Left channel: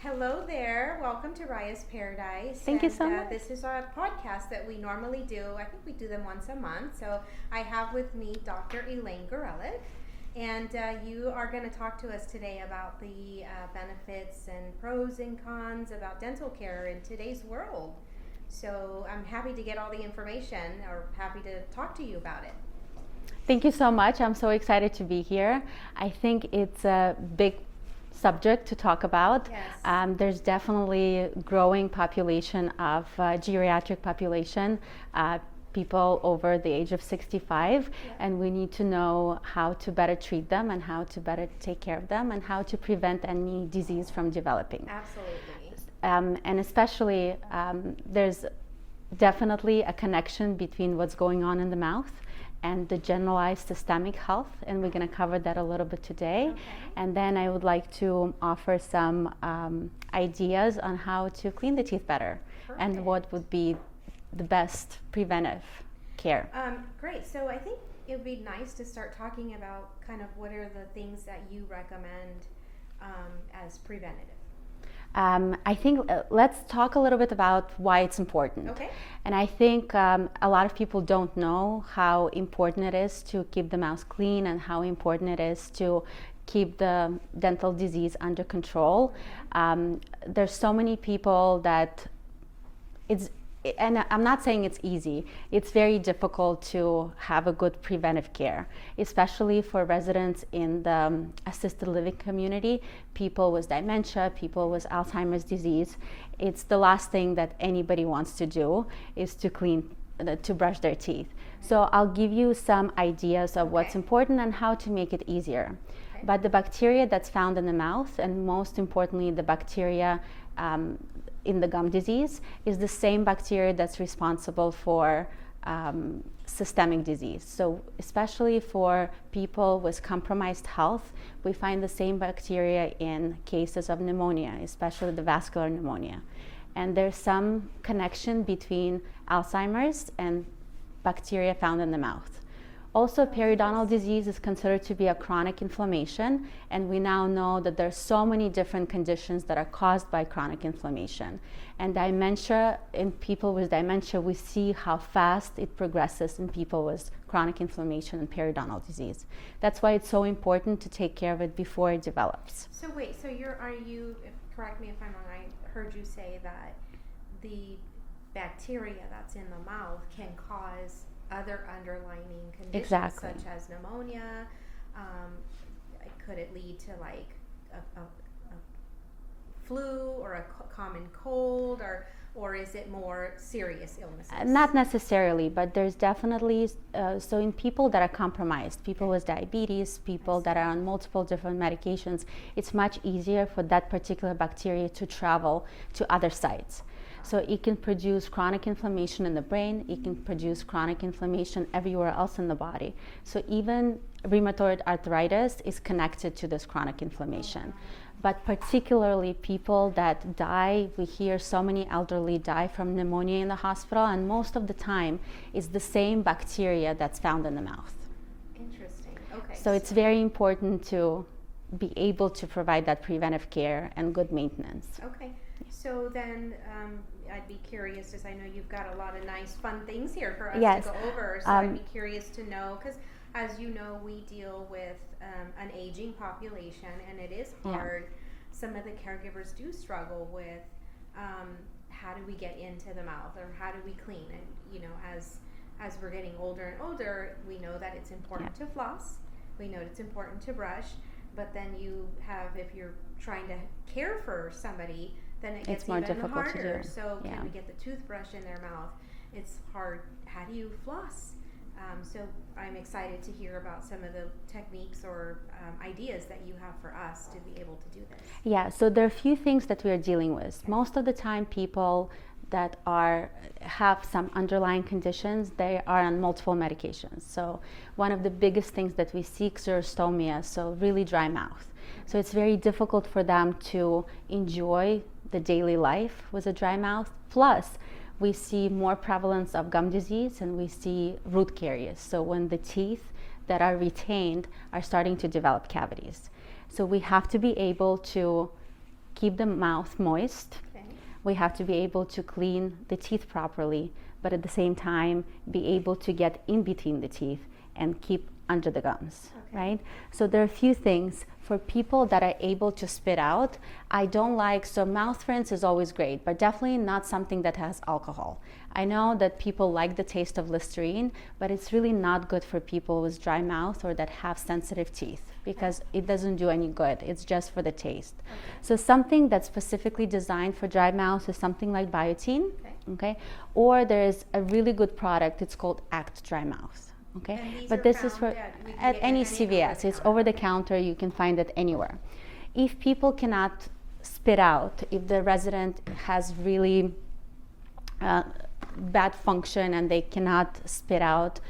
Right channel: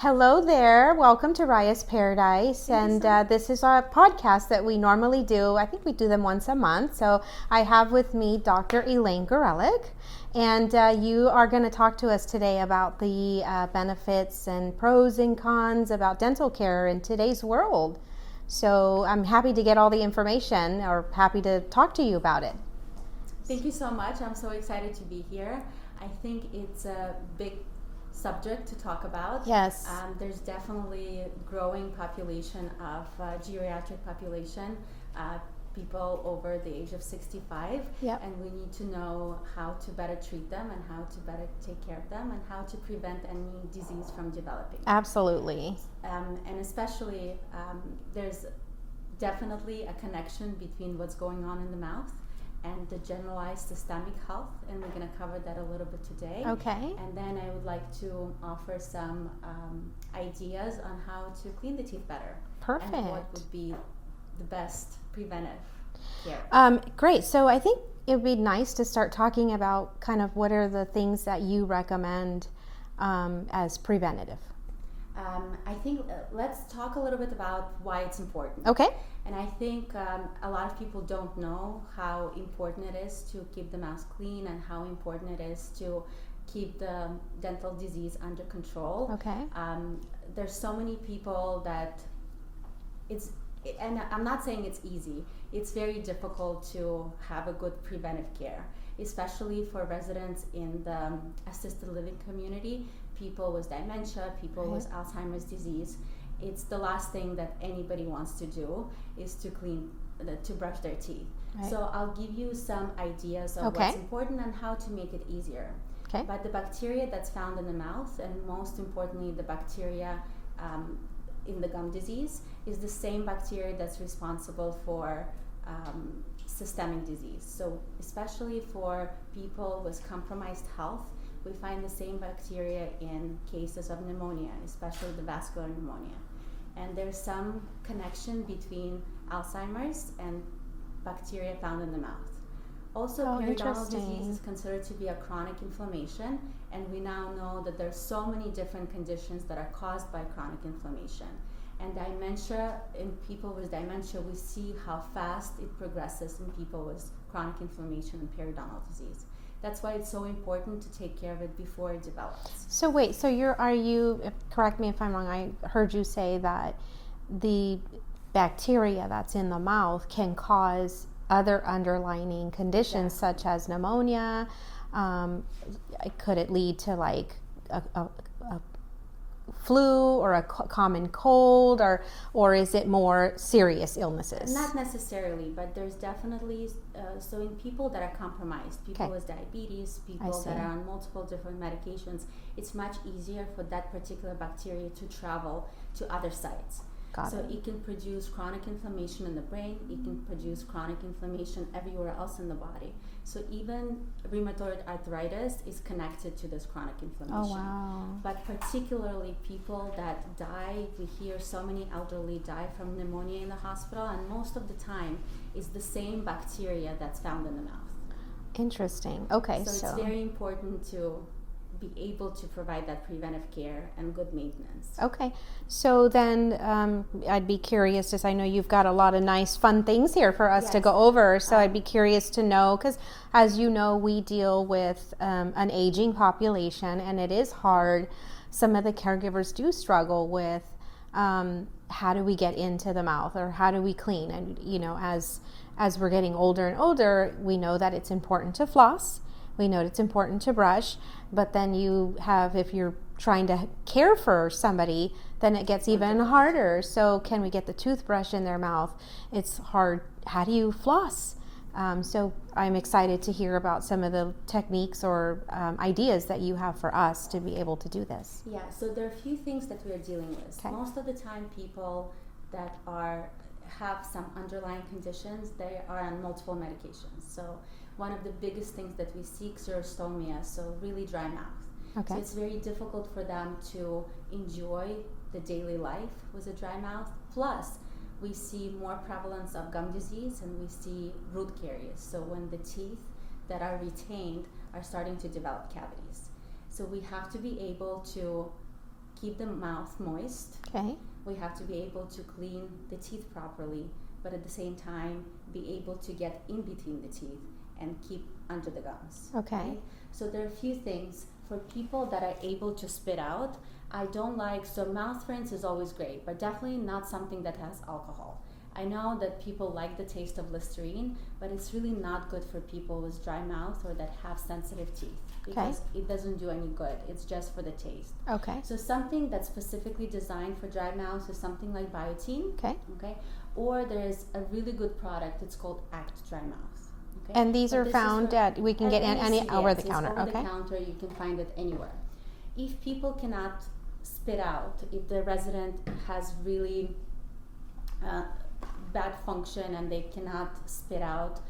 Hello there. Welcome to Raya's Paradise. Thank you so much. This is a podcast that we normally do. I think we do them once a month. So I have with me Dr. Elaine Gorelik. And you are going to talk to us today about the benefits and pros and cons about dental care in today's world. So I'm happy to get all the information, or happy to talk to you about it. Thank you so much. I'm so excited to be here. I think it's a big subject to talk about. Yes. There's definitely a growing population of geriatric population, people over the age of 65, Yep. and we need to know how to better treat them and how to better take care of them and how to prevent any disease from developing. Absolutely. And especially there's definitely a connection between what's going on in the mouth and the generalized systemic health, and we're going to cover that a little bit today. Okay. And then I would like to offer some ideas on how to clean the teeth better. Perfect. And what would be the best preventive care. Great. So I think it would be nice to start talking about kind of what are the things that you recommend as preventative. I think let's talk a little bit about why it's important. Okay. And I think a lot of people don't know how important it is to keep the mouth clean and how important it is to keep the dental disease under control. Okay. There's so many people that and I'm not saying it's easy. It's very difficult to have a good preventive care, especially for residents in the assisted living community, people with dementia, people with Alzheimer's disease. It's the last thing that anybody wants to do is to brush their teeth. Right. So I'll give you some ideas of what's important and how to make it easier. Okay. But the bacteria that's found in the mouth, and most importantly the bacteria in the gum disease, is the same bacteria that's responsible for systemic disease. So especially for people with compromised health, we find the same bacteria in cases of pneumonia, especially the vascular pneumonia. And there's some connection between Alzheimer's and bacteria found in the mouth. Also, periodontal disease is considered to be a chronic inflammation, and we now know that there's so many different conditions that are caused by chronic inflammation. And dementia, in people with dementia, we see how fast it progresses in people with chronic inflammation and periodontal disease. That's why it's so important to take care of it before it develops. So wait, so are you, correct me if I'm wrong, I heard you say that the bacteria that's in the mouth can cause other underlying conditions such as pneumonia. Could it lead to like a flu or a common cold, or is it more serious illnesses? Not necessarily, but there's definitely so in people that are compromised, people with diabetes, people that are on multiple different medications, it's much easier for that particular bacteria to travel to other sites. So it can produce chronic inflammation in the brain, it can produce chronic inflammation everywhere else in the body. So even rheumatoid arthritis is connected to this chronic inflammation. Oh, wow. But particularly people that die, we hear so many elderly die from pneumonia in the hospital, and most of the time it's the same bacteria that's found in the mouth. Interesting. Okay. So it's very important to be able to provide that preventive care and good maintenance. Okay. So then I'd be curious, as I know you've got a lot of nice fun things here for us to go over, so I'd be curious to know, because as you know, we deal with an aging population, and it is hard. Some of the caregivers do struggle with how do we get into the mouth, or how do we clean, and you know, as we're getting older and older, we know that it's important to floss, we know it's important to brush, but then you have, if you're trying to care for somebody, then it gets even harder. So can we get the toothbrush in their mouth? It's hard. How do you floss? So I'm excited to hear about some of the techniques or ideas that you have for us to be able to do this. Yeah, so there are a few things that we are dealing with. Okay. Most of the time people that have some underlying conditions, they are on multiple medications. So one of the biggest things that we see is xerostomia, so really dry mouth. Okay. So it's very difficult for them to enjoy the daily life with a dry mouth. Plus, we see more prevalence of gum disease, and we see root caries. So when the teeth that are retained are starting to develop cavities. So we have to be able to keep the mouth moist. Okay. We have to be able to clean the teeth properly, but at the same time be able to get in between the teeth and keep under the gums. Okay. Right? So there are a few things for people that are able to spit out. I don't like, so mouth rinse is always great, but definitely not something that has alcohol. I know that people like the taste of Listerine, but it's really not good for people with dry mouth or that have sensitive teeth, because it doesn't do any good. It's just for the taste. Okay. So something that's specifically designed for dry mouth is something like Biotin. Okay. Or there's a really good product. It's called Act Dry Mouth. Okay. And these are found at, we can get any CVS. over the counter. It's over the counter. You can find it anywhere. If people cannot spit out, if the resident has really bad function and they cannot spit out,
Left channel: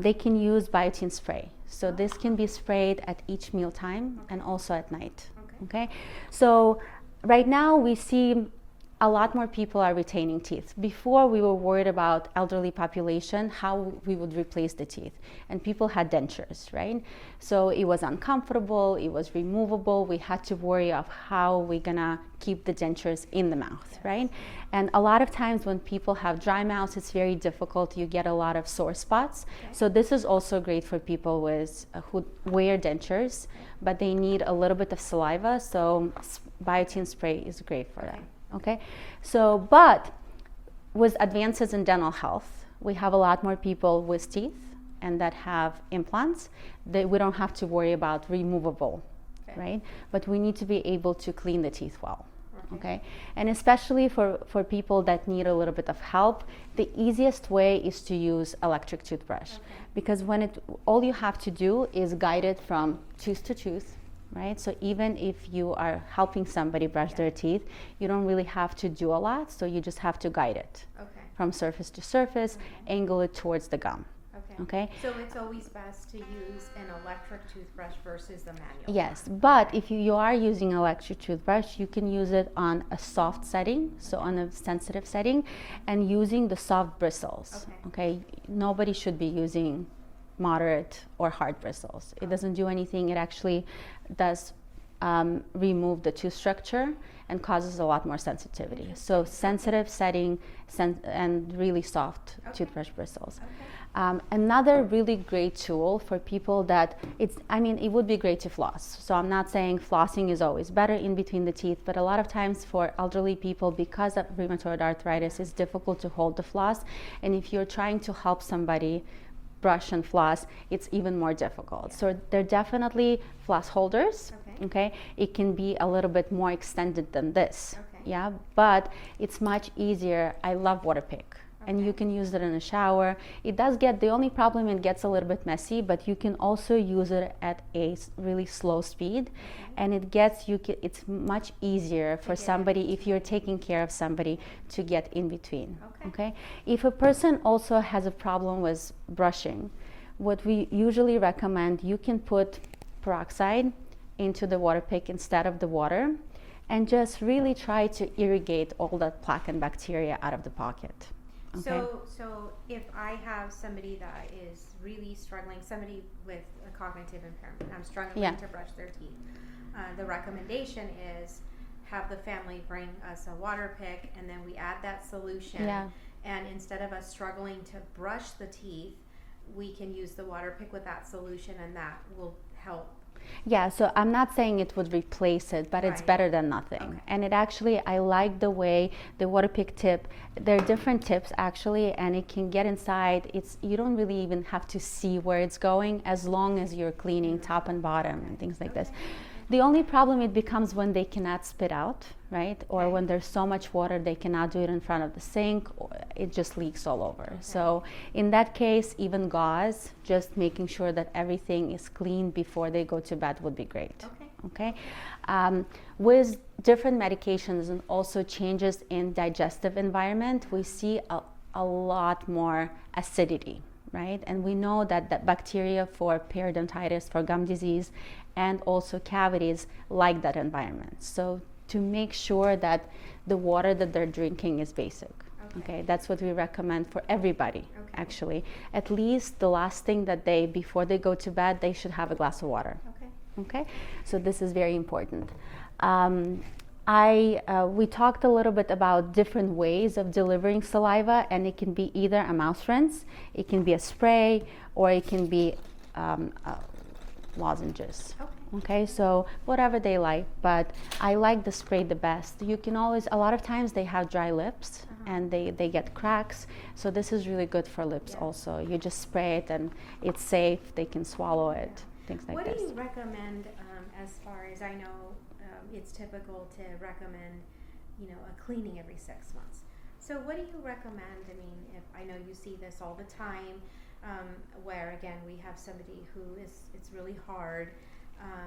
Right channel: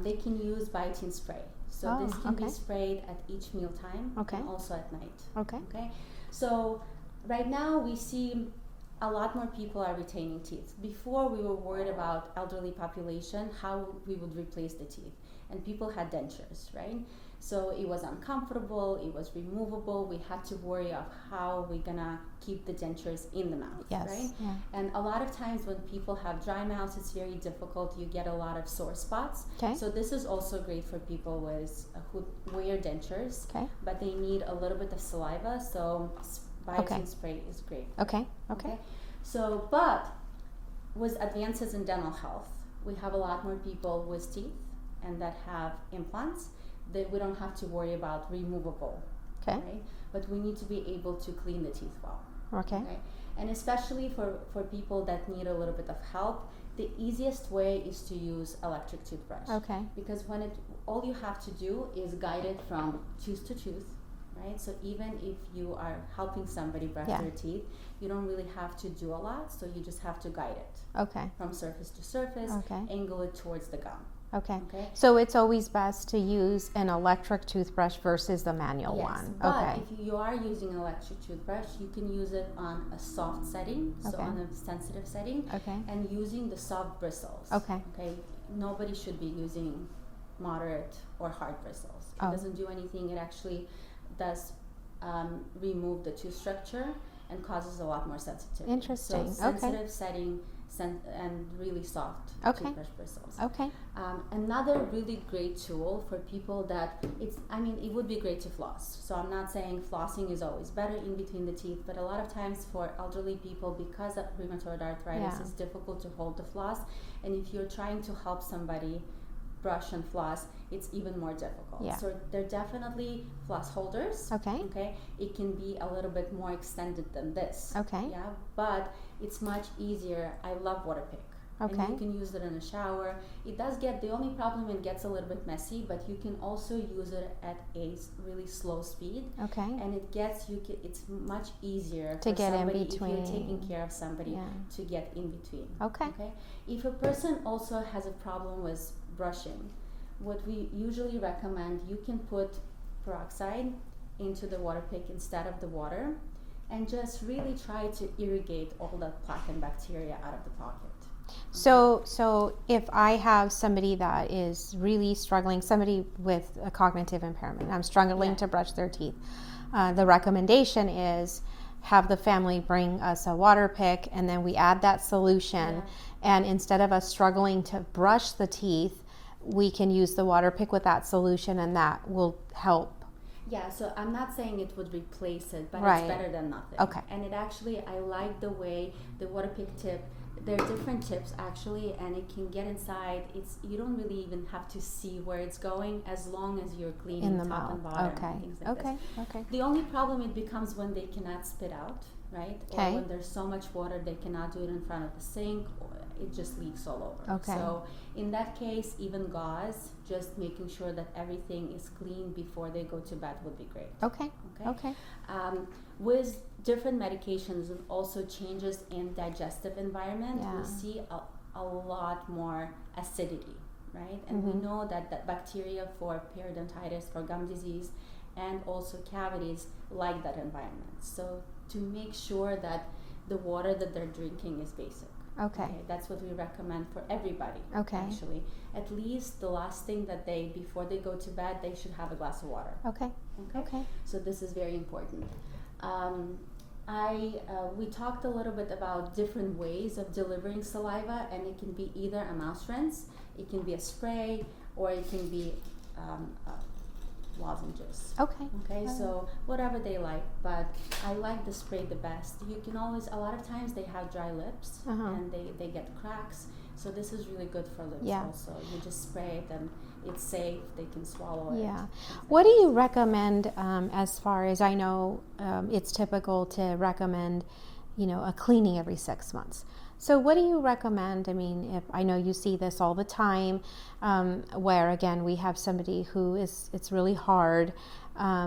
they can use Biotin Spray. So this can be sprayed at each meal time and also at night. Okay. So right now we see a lot more people are retaining teeth. Before, we were worried about elderly population, how we would replace the teeth. And people had dentures, right? So it was uncomfortable, it was removable. We had to worry of how we're gonna keep the dentures in the mouth, right? Yeah. And a lot of times when people have dry mouths, it's very difficult. You get a lot of sore spots. So this is also great for people with who wear dentures, but they need a little bit of saliva. So Biotin Spray is great for it. Okay. So, but with advances in dental health, we have a lot more people with teeth and that have implants. We don't have to worry about removable, right? But we need to be able to clean the teeth well. Okay. And especially for people that need a little bit of help, the easiest way is to use electric toothbrush. Because when all you have to do is guide it from tooth to tooth. Right? So even if you are helping somebody brush their teeth, you don't really have to do a lot. So you just have to guide it from surface to surface, angle it towards the gum. Okay. So it's always best to use an electric toothbrush versus the manual one. Yes, but if you are using electric toothbrush, you can use it on a soft setting, so on a sensitive setting, and using the soft bristles. Okay. Nobody should be using moderate or hard bristles. It doesn't do anything. It actually does remove the tooth structure and causes a lot more sensitivity. So sensitive setting and really soft toothbrush bristles. Another really great tool for people that it would be great to floss. So I'm not saying flossing is always better in between the teeth, but a lot of times for elderly people, because of rheumatoid arthritis, it's difficult to hold the floss. And if you're trying to help somebody brush and floss, it's even more difficult. So they're definitely floss holders. Okay. It can be a little bit more extended than this. But it's much easier. I love Waterpik. And you can use it in a shower. It does get, the only problem, it gets a little bit messy, but you can also use it at a really slow speed. And it's much easier for somebody, if you're taking care of somebody, to get in between. Okay. If a person also has a problem with brushing, what we usually recommend, you can put peroxide into the Waterpik instead of the water, and just really try to irrigate all that plaque and bacteria out of the pocket. So if I have somebody that is really struggling, somebody with a cognitive impairment, I'm struggling to brush their teeth, the recommendation is have the family bring us a Waterpik, and then we add that solution, and instead of us struggling to brush the teeth, we can use the Waterpik with that solution, and that will help. Yeah, so I'm not saying it would replace it, but it's better than nothing. And it actually, I like the way the Waterpik tip, there are different tips actually, and it can get inside. You don't really even have to see where it's going, as long as you're cleaning top and bottom and things like this. The only problem it becomes when they cannot spit out, right? Or when there's so much water they cannot do it in front of the sink, or it just leaks all over. So in that case, even gauze, just making sure that everything is clean before they go to bed would be great. With different medications and also changes in digestive environment, we see a lot more acidity, right? And we know that bacteria for periodontitis, for gum disease, and also cavities like that environment. So to make sure that the water that they're drinking is basic. That's what we recommend for everybody. Actually, at least the last thing that before they go to bed, they should have a glass of water. So this is very important. We talked a little bit about different ways of delivering saliva, and it can be either a mouth rinse, it can be a spray, or it can be lozenges. Okay, so whatever they like, but I like the spray the best. You can always, a lot of times they have dry lips and they get cracks, so this is really good for lips also. You just spray it and it's safe, they can swallow it. What do you recommend as far as I know it's typical to recommend, you know, a cleaning every 6 months. So what do you recommend? I mean, if I know you see this all the time, where again we have somebody who it's really hard,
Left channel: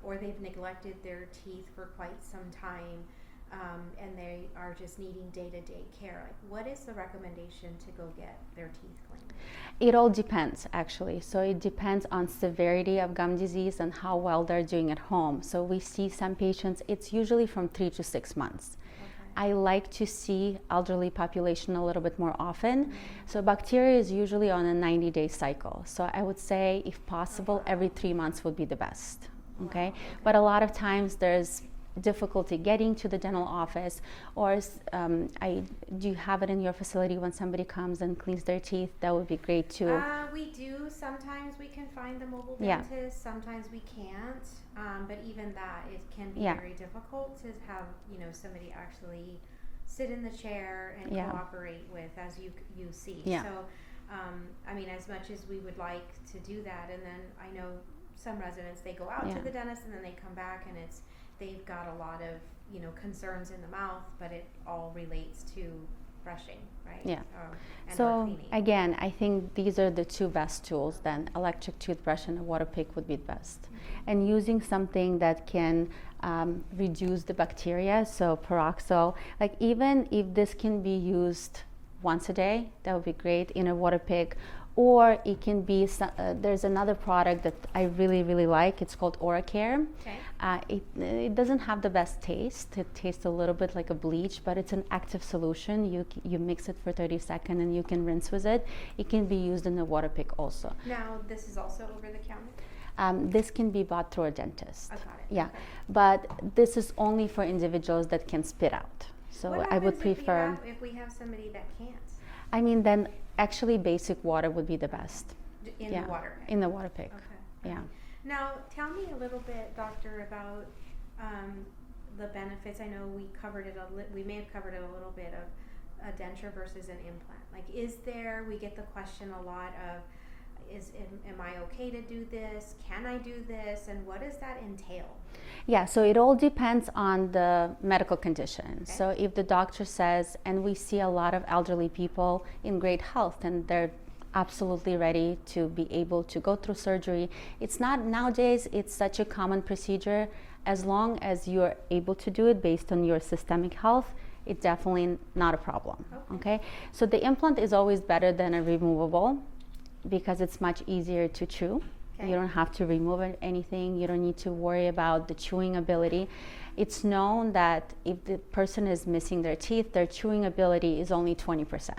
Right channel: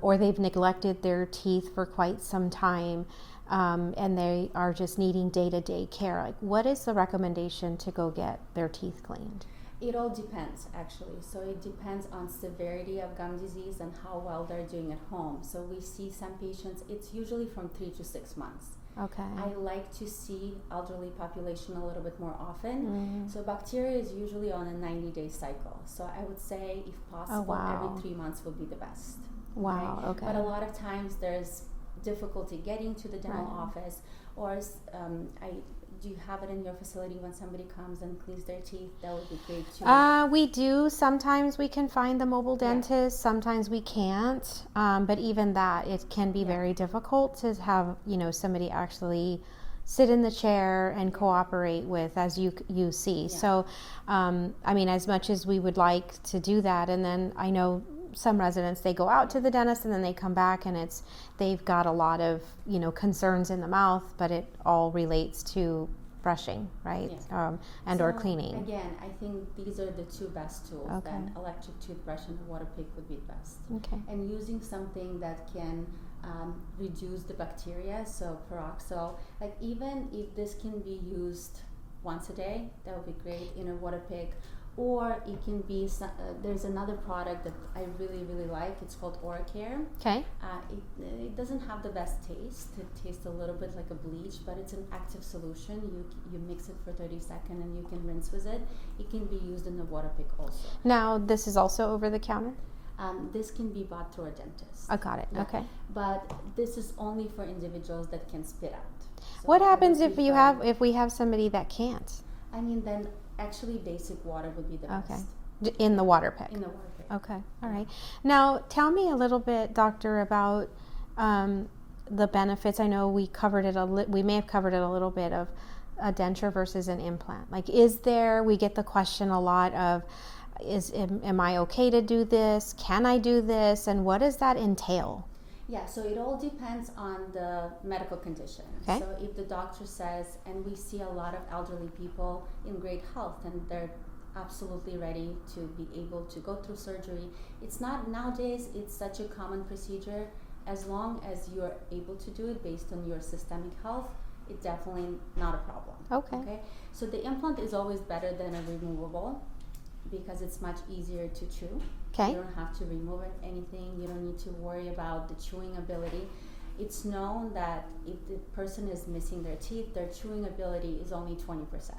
or they've neglected their teeth for quite some time, and they are just needing day-to-day care. Like, what is the recommendation to go get their teeth cleaned? It all depends, actually. So it depends on severity of gum disease and how well they're doing at home. So we see some patients, it's usually from 3 to 6 months. Okay. I like to see elderly population a little bit more often. So bacteria is usually on a 90-day cycle. So I would say, if possible, every 3 months would be the best. Okay? But a lot of times there's difficulty getting to the dental office, or do you have it in your facility when somebody comes and cleans their teeth? That would be great too. We do. Sometimes we can find the mobile dentist, sometimes we can't, but even that, it can be very difficult to have, you know, somebody actually sit in the chair and cooperate with, as you see. So I mean, as much as we would like to do that, and then I know some residents, they go out to the dentist and then they come back and they've got a lot of, you know, concerns in the mouth, but it all relates to brushing, right? And or cleaning. Again, I think these are the two best tools. Then electric toothbrush and a water pick would be the best. And using something that can reduce the bacteria, so peroxyl, like even if this can be used once a day, that would be great in a water pick. Or it can be, there's another product that I really, really like. It's called OraCare. It doesn't have the best taste. It tastes a little bit like a bleach, but it's an active solution. You mix it for 30 seconds and you can rinse with it. It can be used in a water pick also. Now, this is also over the counter? This can be bought through a dentist. I got it. Yeah. Okay. But this is only for individuals that can spit out. So what happens if we have somebody that can't? I mean, then actually basic water would be the best. In the water pick? In the water pick. Okay, all right. Now, tell me a little bit, doctor, about the benefits. I know we covered it, we may have covered it a little bit, of a denture versus an implant. Like, we get the question a lot of, am I okay to do this? Can I do this? And what does that entail? Yeah, so it all depends on the medical condition. So if the doctor says, and we see a lot of elderly people in great health and they're absolutely ready to be able to go through surgery. It's not, nowadays, it's such a common procedure. As long as you're able to do it based on your systemic health, it's definitely not a problem. Okay? So the implant is always better than a removable because it's much easier to chew. You don't have to remove anything. You don't need to worry about the chewing ability. It's known that if the person is missing their teeth, their chewing ability is only 20%.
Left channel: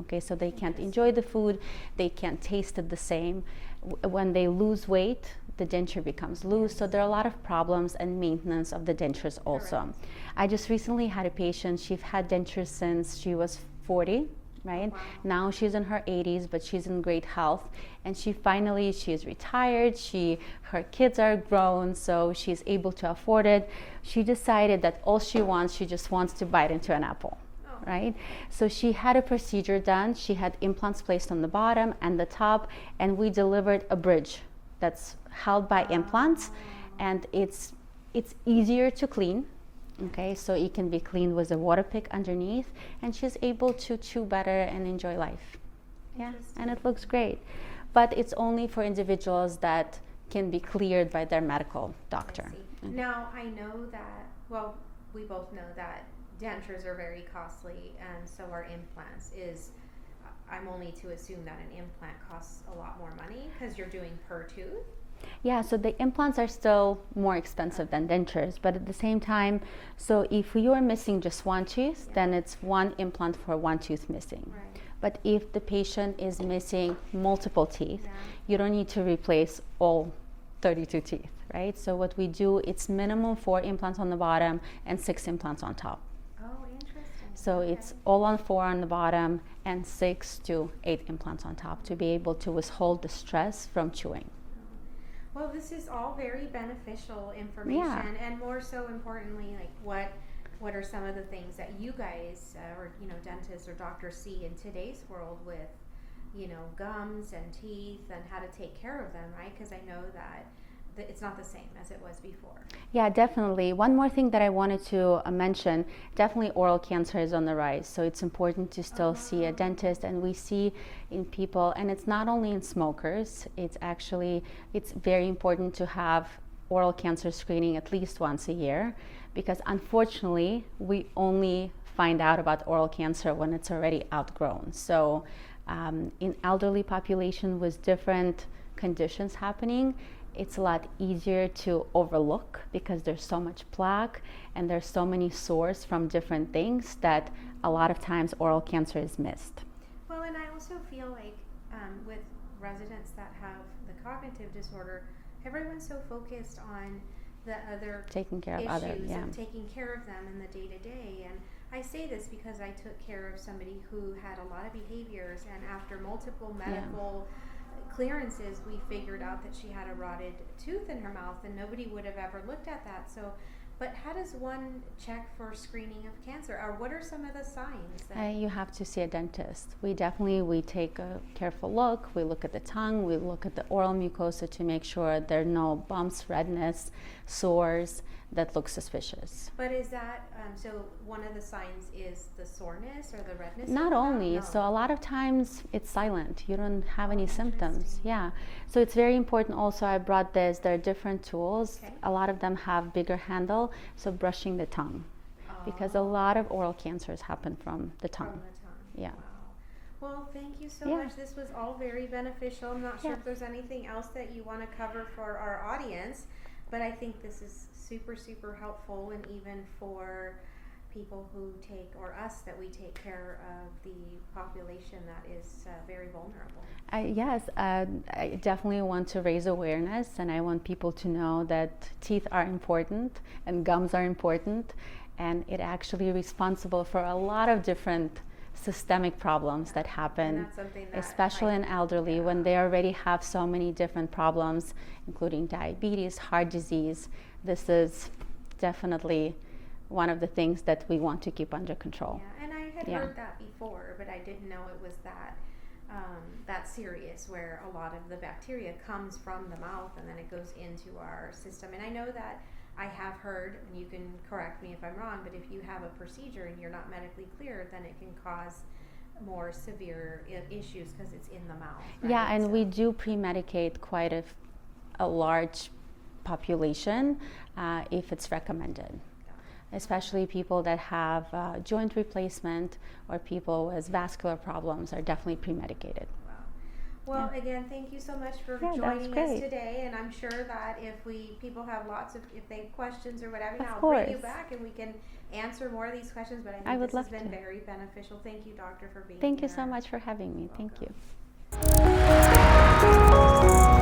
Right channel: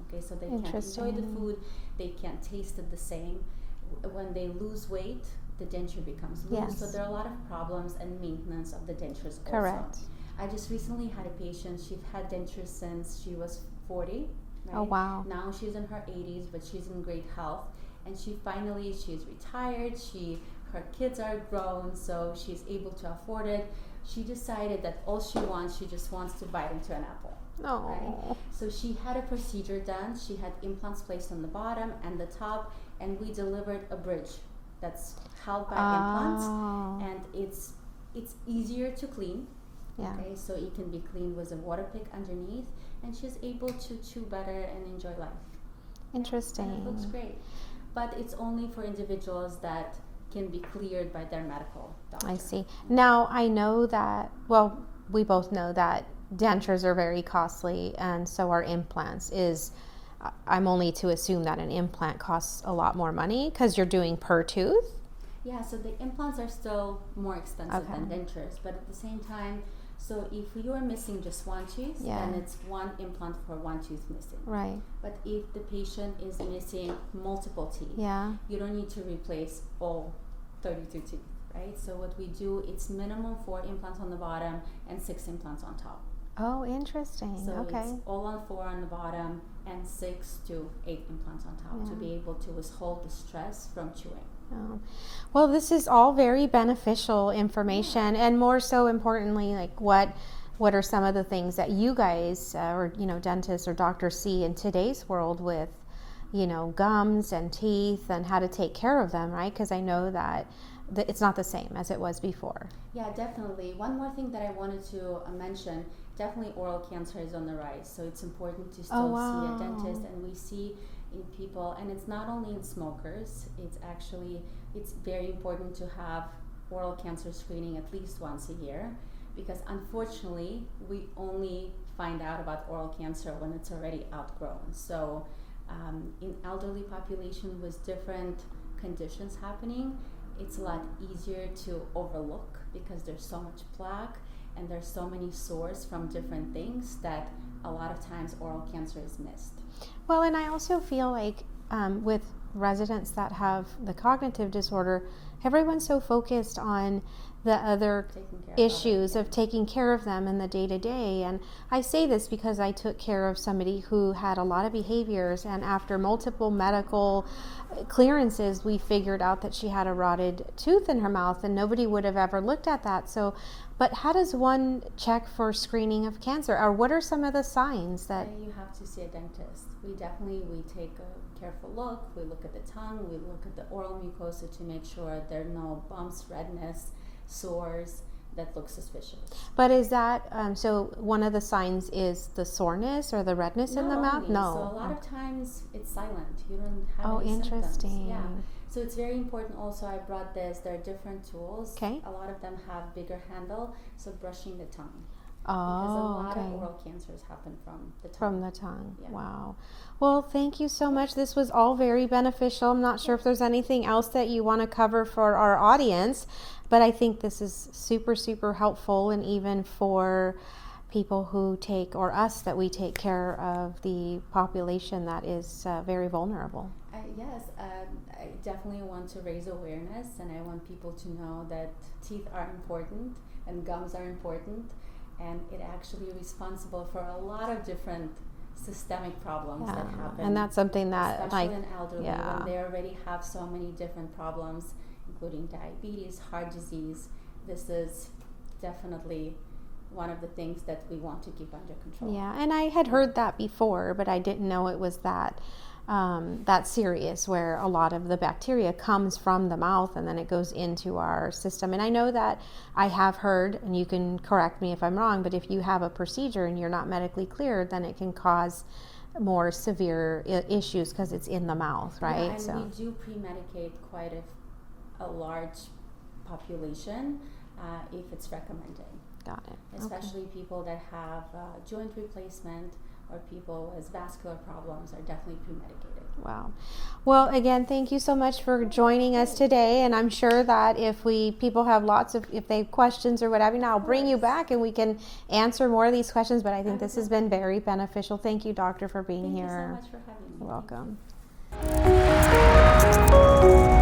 Okay, so they can't enjoy the food. They can't taste it the same. When they lose weight, the denture becomes loose. So there are a lot of problems and maintenance of the dentures also. I just recently had a patient. She's had dentures since she was 40. Right? Oh, wow. Now she's in her 80s, but she's in great health. And she is retired. Her kids are grown, so she's able to afford it. She decided that all she just wants to bite into an apple. Right? So she had a procedure done. She had implants placed on the bottom and the top, and we delivered a bridge that's held by implants, and it's easier to clean. Okay, so it can be cleaned with a water pick underneath, and she's able to chew better and enjoy life. Interesting. And it looks great. But it's only for individuals that can be cleared by their medical doctor. I see. Now, I know that, well, we both know that dentures are very costly, and so are implants. I'm only to assume that an implant costs a lot more money because you're doing per tooth? Yeah, so the implants are still more expensive than dentures, but at the same time, so if you are missing just one tooth, then it's one implant for one tooth missing. Right. But if the patient is missing multiple teeth, you don't need to replace all 32 teeth. right? So what we do, it's minimum 4 implants on the bottom and 6 implants on top. Oh, interesting. So it's all on 4 on the bottom and 6 to 8 implants on top to be able to withhold the stress from chewing. Oh. Well, this is all very beneficial information, and more so importantly, like what are some of the things that you guys or dentists or doctors see in today's world with gums and teeth and how to take care of them, right? Because I know that it's not the same as it was before. Yeah, definitely. One more thing that I wanted to mention, definitely oral cancer is on the rise. So it's important to still see a dentist, and we see in people, and it's not only in smokers, it's very important to have oral cancer screening at least once a year, because unfortunately we only find out about oral cancer when it's already outgrown. So in elderly population with different conditions happening, it's a lot easier to overlook because there's so much plaque and there's so many sores from different things that a lot of times oral cancer is missed. Well, and I also feel like with residents that have the cognitive disorder, everyone's so focused on the other issues of taking care of them in the day-to-day. And I say this because I took care of somebody who had a lot of behaviors, and after multiple medical clearances, we figured out that she had a rotted tooth in her mouth, and nobody would have ever looked at that. So, but how does one check for screening of cancer, or what are some of the signs that you have to see a dentist? We take a careful look. We look at the tongue, we look at the oral mucosa to make sure there are no bumps, redness, sores that look suspicious. But is that so one of the signs is the soreness or the redness in the mouth? Not only. So a lot of times it's silent. You don't have any symptoms. Yeah. So it's very important also, I brought this, there are different tools. Okay. A lot of them have bigger handle, so brushing the tongue. Because a lot of oral cancers happen from the tongue. From the tongue. Yeah. Wow. Well, thank you so much. This was all very beneficial. I'm not sure if there's anything else that you want to cover for our audience, but I think this is super, super helpful, and even for people who us that we take care of the population that is very vulnerable. Yes, I definitely want to raise awareness, and I want people to know that teeth are important and gums are important, and it actually responsible for a lot of different systemic problems that happen. And that's something that, especially in elderly, when they already have so many different problems, including diabetes, heart disease. This is definitely one of the things that we want to keep under control. Yeah, and I had heard that before, but I didn't know it was that serious, where a lot of the bacteria comes from the mouth and then it goes into our system. And I know that I have heard, and you can correct me if I'm wrong, but if you have a procedure and you're not medically cleared, then it can cause more severe issues because it's in the mouth, right? Yeah, and we do pre-medicate quite a large population if it's recommended. Got it. Especially people that have joint replacement or people with vascular problems are definitely pre-medicated. Wow. Well, again, thank you so much for joining us today. And I'm sure that if people have if they have questions or whatever, I'll bring you back and we can answer more of these questions. But I think this has been very beneficial. Thank you, doctor, for being here. Thank you so much for having me. You're welcome. Thank you.